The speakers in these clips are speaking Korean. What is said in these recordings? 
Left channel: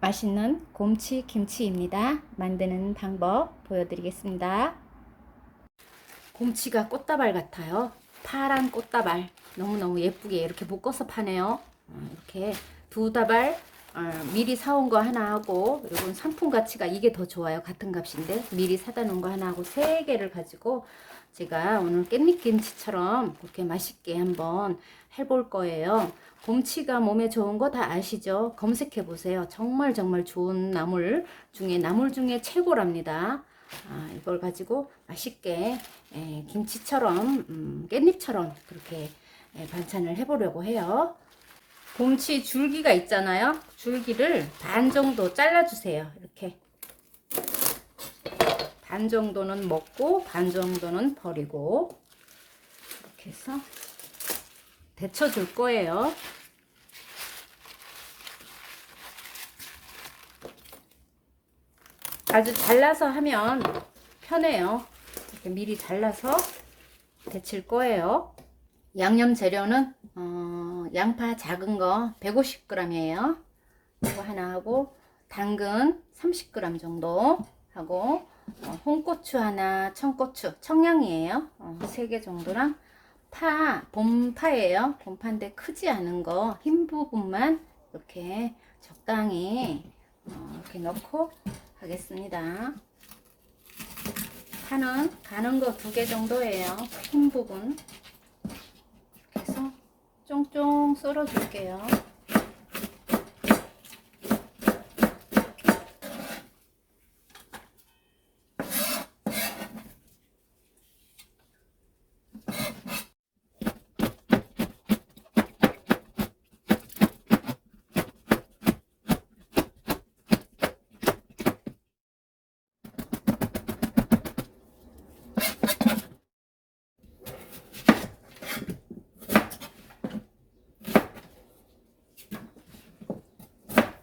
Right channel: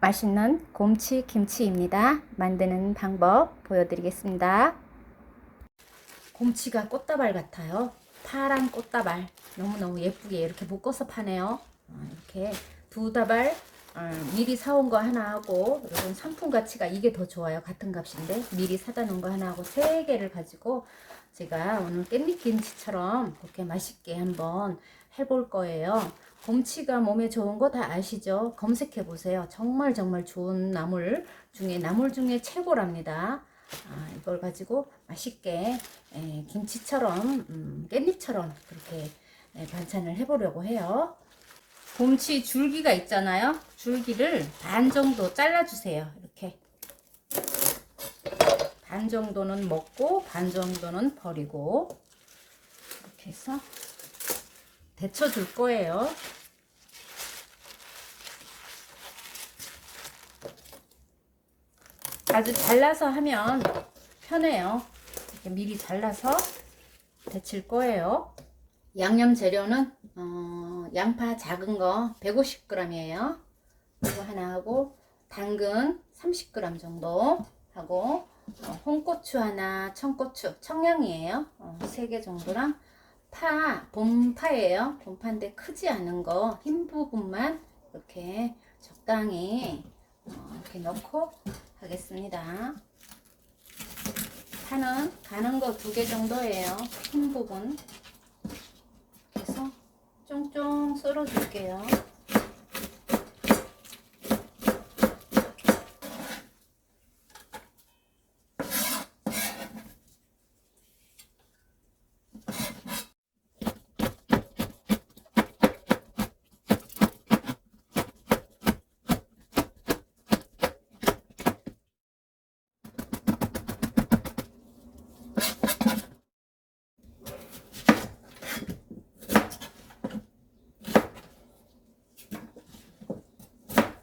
맛있는 곰치 김치입니다. 만드는 방법 보여드리겠습니다. 곰치가 꽃다발 같아요. 파란 꽃다발. 너무너무 예쁘게 이렇게 묶어서 파네요. 음, 이렇게 두 다발 어, 미리 사온 거 하나 하고 이건 상품 가치가 이게 더 좋아요. 같은 값인데 미리 사다 놓은 거 하나 하고 세 개를 가지고 제가 오늘 깻잎 김치처럼 그렇게 맛있게 한번 해볼 거예요. 곰치가 몸에 좋은 거 다 아시죠? 검색해 보세요. 정말 정말 좋은 나물 중에 나물 중에 최고랍니다. 아, 이걸 가지고 맛있게 에, 김치처럼 음, 깻잎처럼 그렇게 에, 반찬을 해보려고 해요. 곰치 줄기가 있잖아요. 줄기를 반 정도 잘라주세요. 반 정도는 먹고 반 정도는 버리고 이렇게 해서 데쳐 줄 거예요. 아주 잘라서 하면 편해요. 미리 잘라서 데칠 거예요. 양념 재료는 어, 양파 작은 거 150g이에요. 이거 하나 하고 당근 30g 정도 하고 어, 홍고추 하나, 청고추, 청양이에요. 어, 3개 정도랑 파, 봄파예요. 봄파인데 크지 않은 거, 흰 부분만 이렇게 적당히 어, 이렇게 넣고 하겠습니다. 파는 가는 거 두 개 정도예요. 흰 부분. 해서 쫑쫑 썰어 줄게요.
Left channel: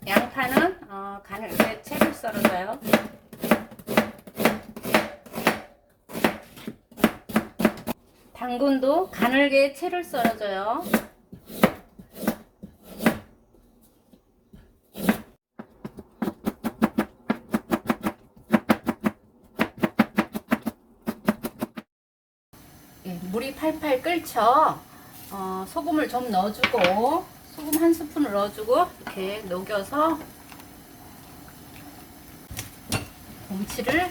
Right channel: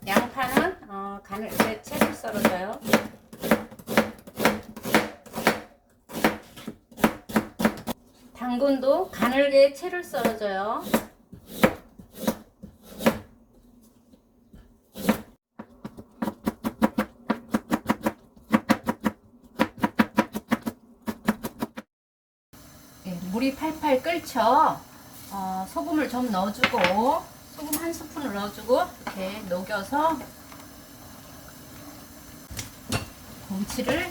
양파는 어, 간을 이제 채를 썰어줘요. 당근도 가늘게 채를 썰어줘요. 예, 물이 팔팔 끓죠. 어, 소금을 좀 넣어주고 소금 한 스푼을 넣어주고 이렇게 녹여서 곰치를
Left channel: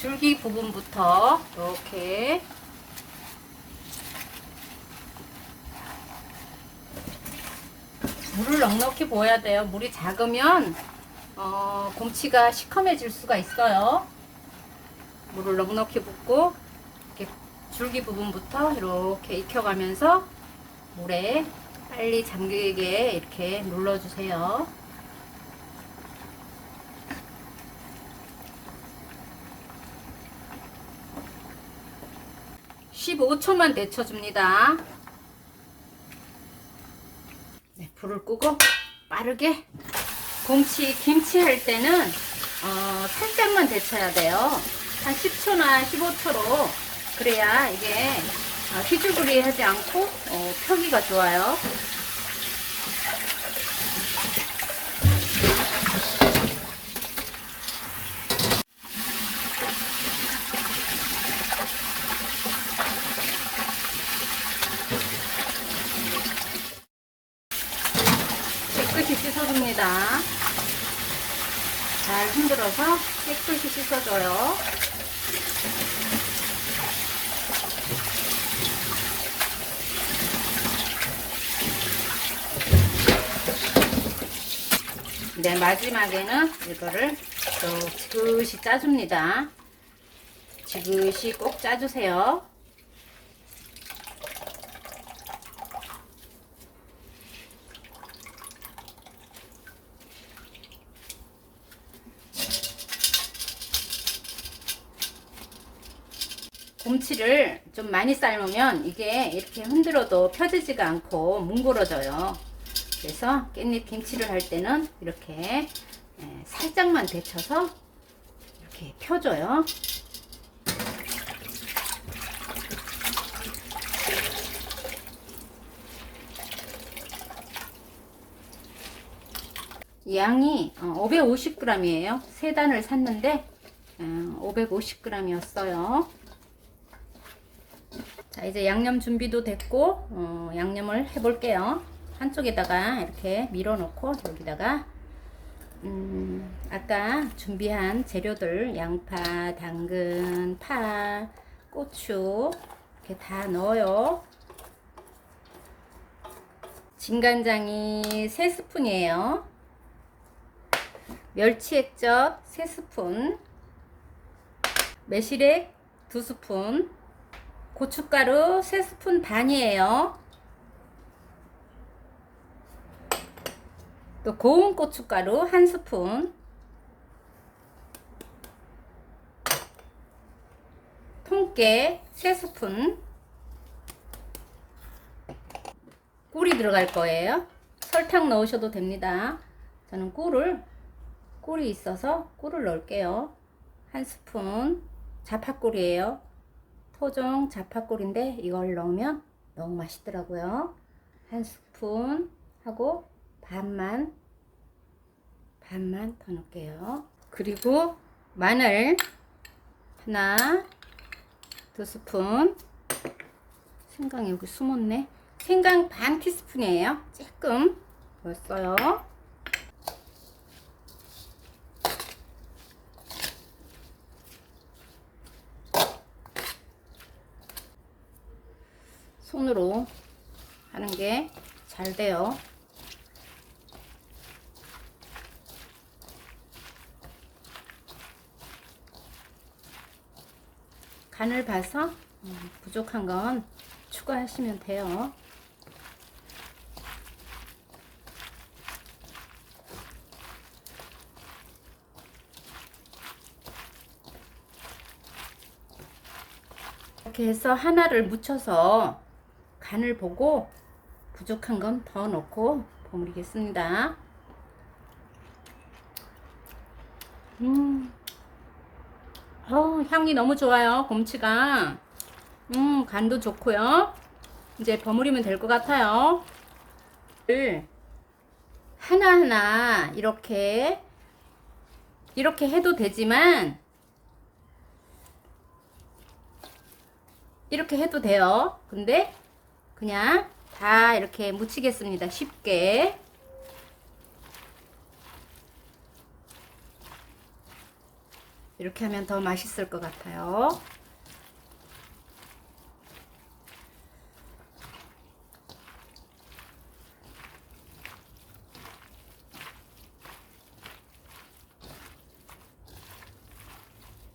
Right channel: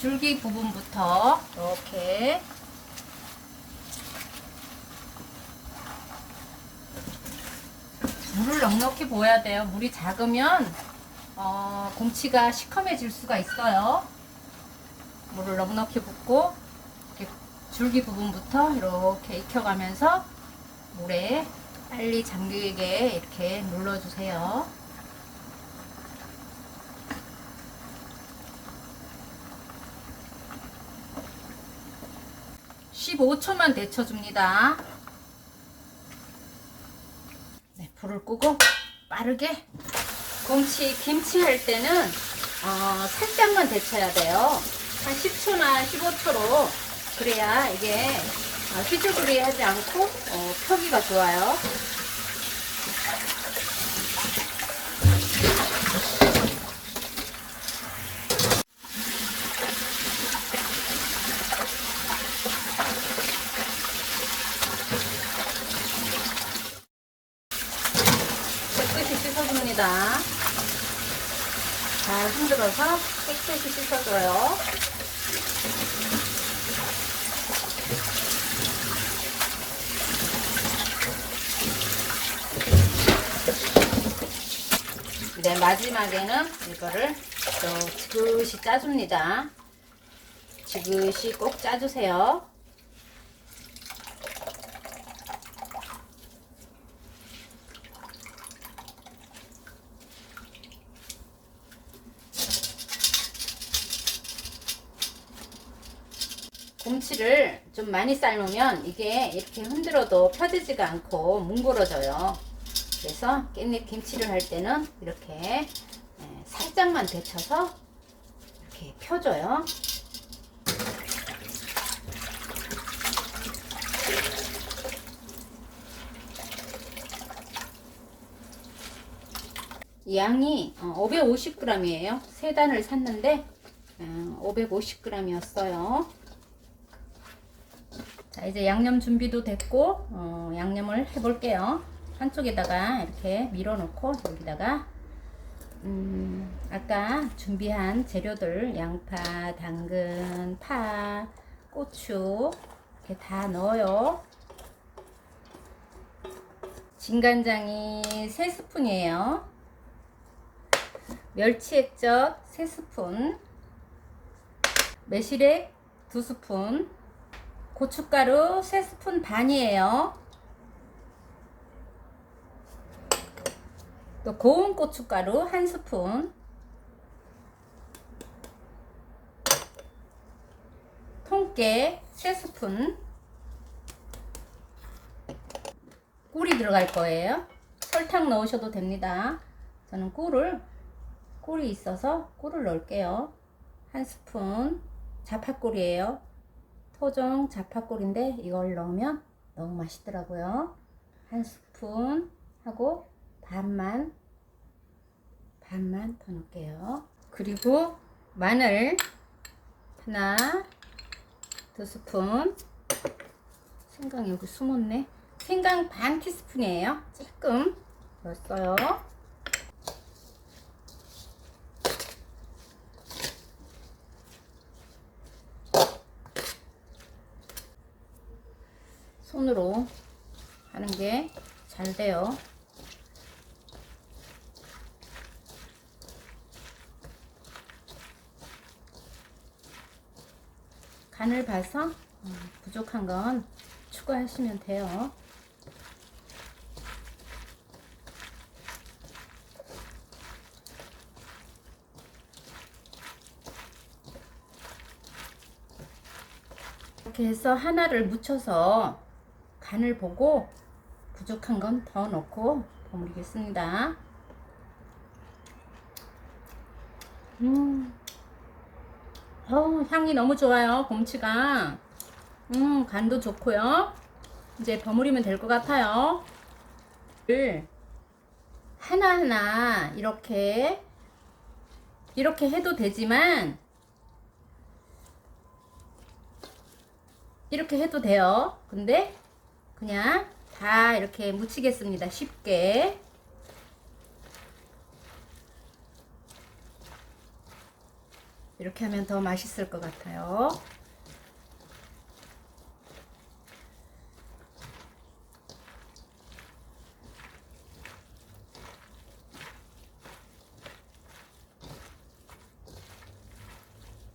줄기 부분부터 이렇게 물을 넉넉히 부어야 돼요. 물이 작으면 어, 곰치가 시커매질 수가 있어요. 물을 넉넉히 붓고 이렇게 줄기 부분부터 이렇게 익혀가면서 물에 빨리 잠기게 이렇게 눌러주세요. (15초만) 데쳐줍니다 네, 불을 끄고 빠르게 곰치 김치 할 때는 어, 살짝만 데쳐야 돼요 한 10초나 15초로 그래야 이게 어, 휘죽으리 하지 않고 어, 표기가 좋아요. 깨끗이 씻어줍니다. 잘 흔들어서 깨끗이 씻어줘요. 네, 마지막에는 이거를 또 지그시 짜줍니다. 지그시 꼭 짜주세요. 곰치를 좀 많이 삶으면 이게 이렇게 흔들어도 펴지지가 않고 뭉그러져요. 그래서 깻잎 김치를 할 때는 이렇게 예, 살짝만 데쳐서 이렇게 펴줘요. 양이 550g이에요. 세 단을 샀는데 550g이었어요. 자 이제 양념 준비도 됐고 어, 양념을 해볼게요. 한쪽에다가 이렇게 밀어놓고 여기다가 음, 아까 준비한 재료들 양파, 당근, 파, 고추 이렇게 다 넣어요. 진간장이 3스푼이에요. 멸치 액젓 3스푼. 매실액 2스푼. 고춧가루 3스푼 반이에요. 또 고운 고춧가루 1스푼. 통깨 3스푼. 꿀이 들어갈 거예요. 설탕 넣으셔도 됩니다. 저는 꿀을 꿀이 있어서 꿀을 넣을게요. 한 스푼 자파꿀이에요. 토종 자파꿀인데 이걸 넣으면 너무 맛있더라고요. 한 스푼 하고 반만 반만 더 넣을게요. 그리고 마늘 하나 두 스푼 생강이 여기 숨었네. 생강 반 티스푼이에요. 조금 넣었어요. 손으로 하는 게 잘 돼요. 간을 봐서 어, 부족한 건 추가하시면 돼요. 이렇게 해서 하나를 묻혀서 간을 보고 부족한 건 더 넣고 버무리겠습니다. 음, 어, 향이 너무 좋아요. 곰치가. 음, 간도 좋고요. 이제 버무리면 될 것 같아요. 하나하나 이렇게 이렇게 해도 되지만 이렇게 해도 돼요. 근데 그냥 다 이렇게 묻히겠습니다. 쉽게. 이렇게 하면 더 맛있을 것 같아요.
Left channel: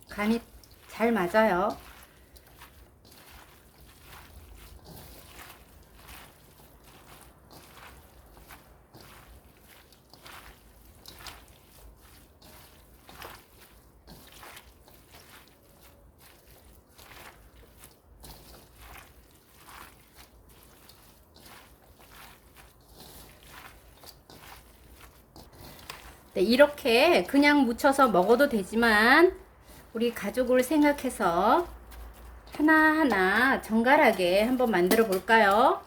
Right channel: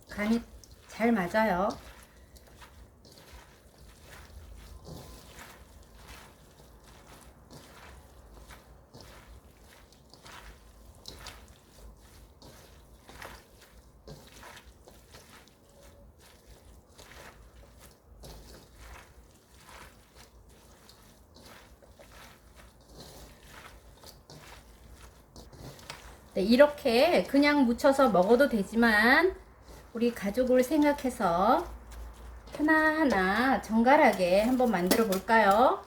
간이 잘 맞아요. 네, 이렇게 그냥 묻혀서 먹어도 되지만 우리 가족을 생각해서 하나하나 정갈하게 한번 만들어 볼까요?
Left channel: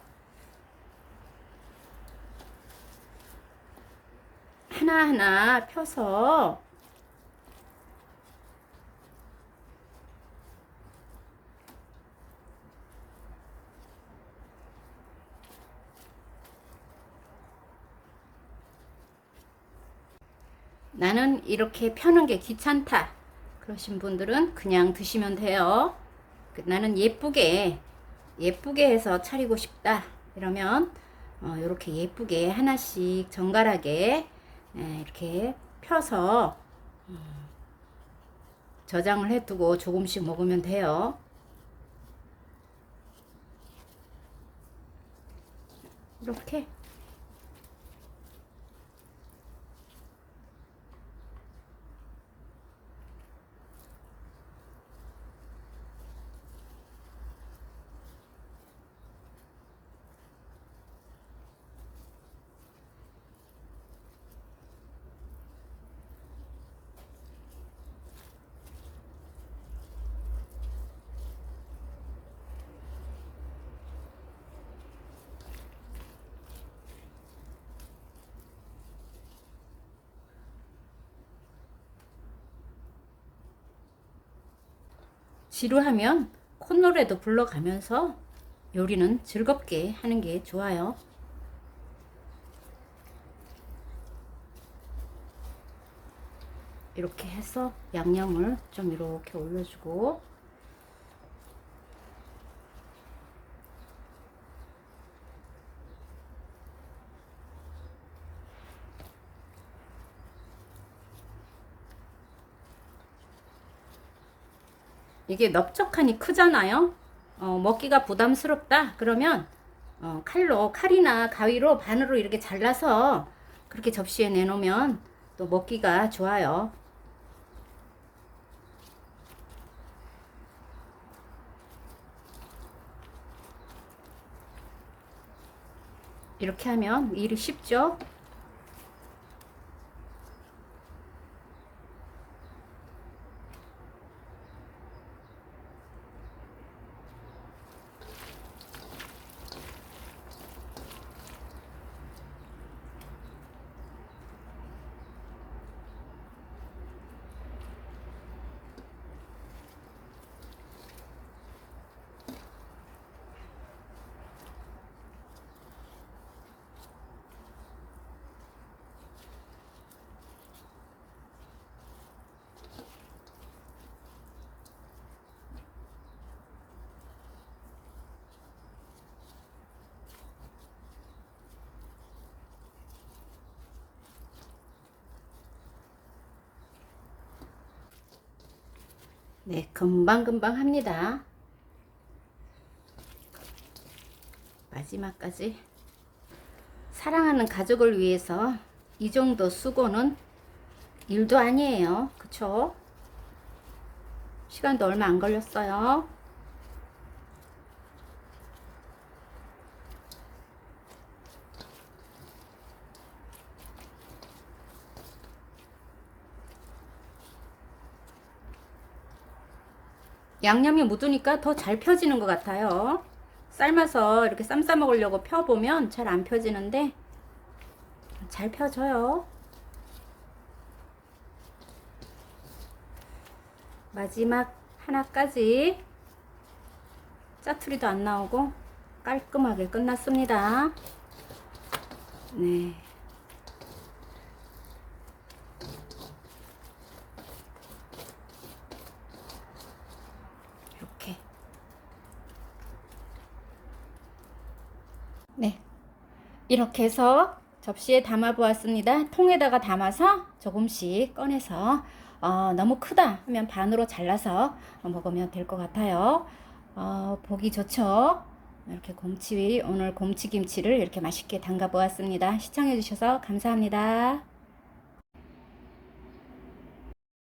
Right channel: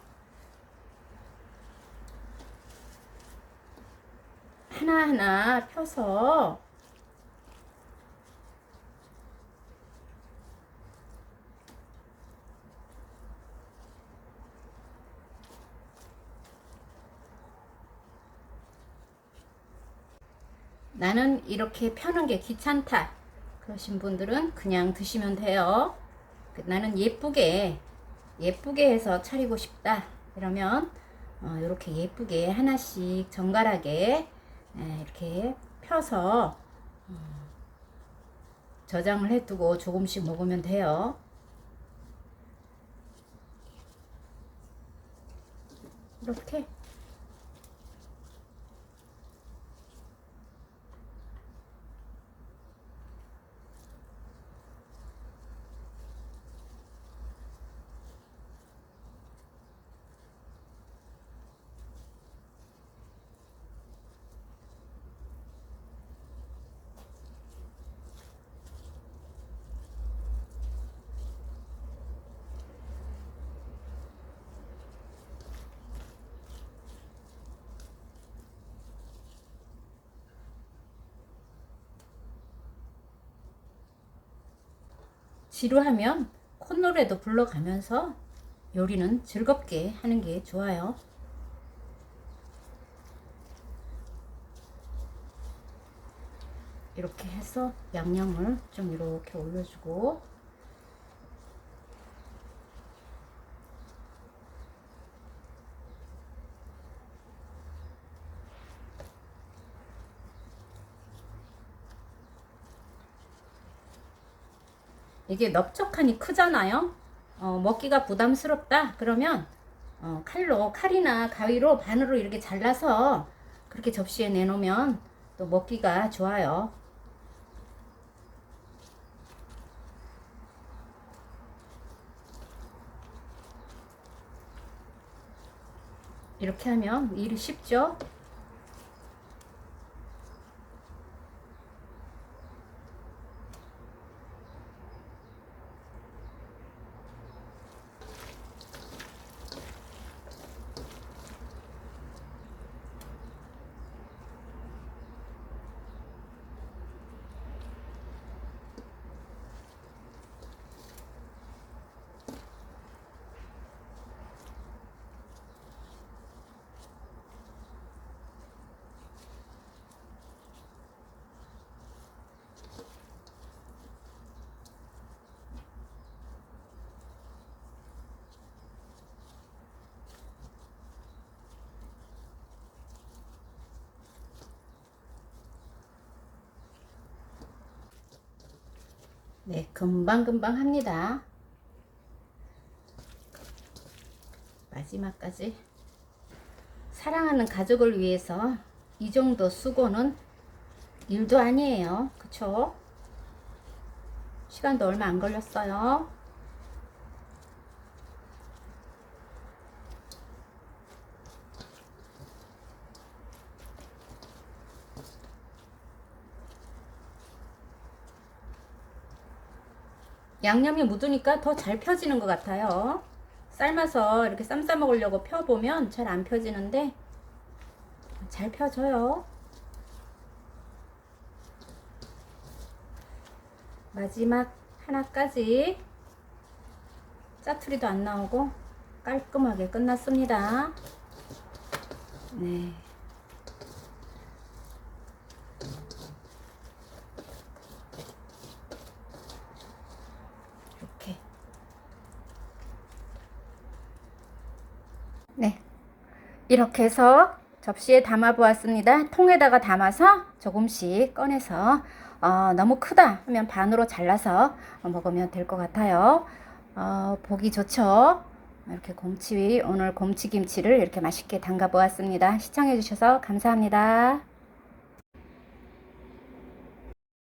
하나하나 펴서 나는 이렇게 펴는 게 귀찮다. 그러신 분들은 그냥 드시면 돼요. 그 나는 예쁘게, 예쁘게 해서 차리고 싶다. 이러면, 어, 이렇게 예쁘게 하나씩 정갈하게, 에, 이렇게 펴서, 음, 저장을 해두고 조금씩 먹으면 돼요. 이렇게 지루하면 콧노래도 불러가면서 요리는 즐겁게 하는 게 좋아요. 이렇게 해서 양념을 좀 이렇게 올려주고 이게 넓적하니 크잖아요. 어, 먹기가 부담스럽다. 그러면 어, 칼로 칼이나 가위로 반으로 이렇게 잘라서 그렇게 접시에 내놓으면 또 먹기가 좋아요. 이렇게 하면 일이 쉽죠? 네, 금방금방 합니다. 마지막까지 사랑하는 가족을 위해서 이 정도 수고는 일도 아니에요. 그쵸? 시간도 얼마 안 걸렸어요. 양념이 묻으니까 더 잘 펴지는 것 같아요. 삶아서 이렇게 쌈 싸 먹으려고 펴보면 잘 안 펴지는데 잘 펴져요. 마지막 하나까지 짜투리도 안 나오고 깔끔하게 끝났습니다. 네. 이렇게. 네. 이렇게 해서 접시에 담아 보았습니다. 통에다가 담아서 조금씩 꺼내서 어, 너무 크다 하면 반으로 잘라서 먹으면 될 것 같아요. 어, 보기 좋죠? 이렇게 곰치 오늘 곰치김치를 이렇게 맛있게 담가 보았습니다. 시청해 주셔서 감사합니다.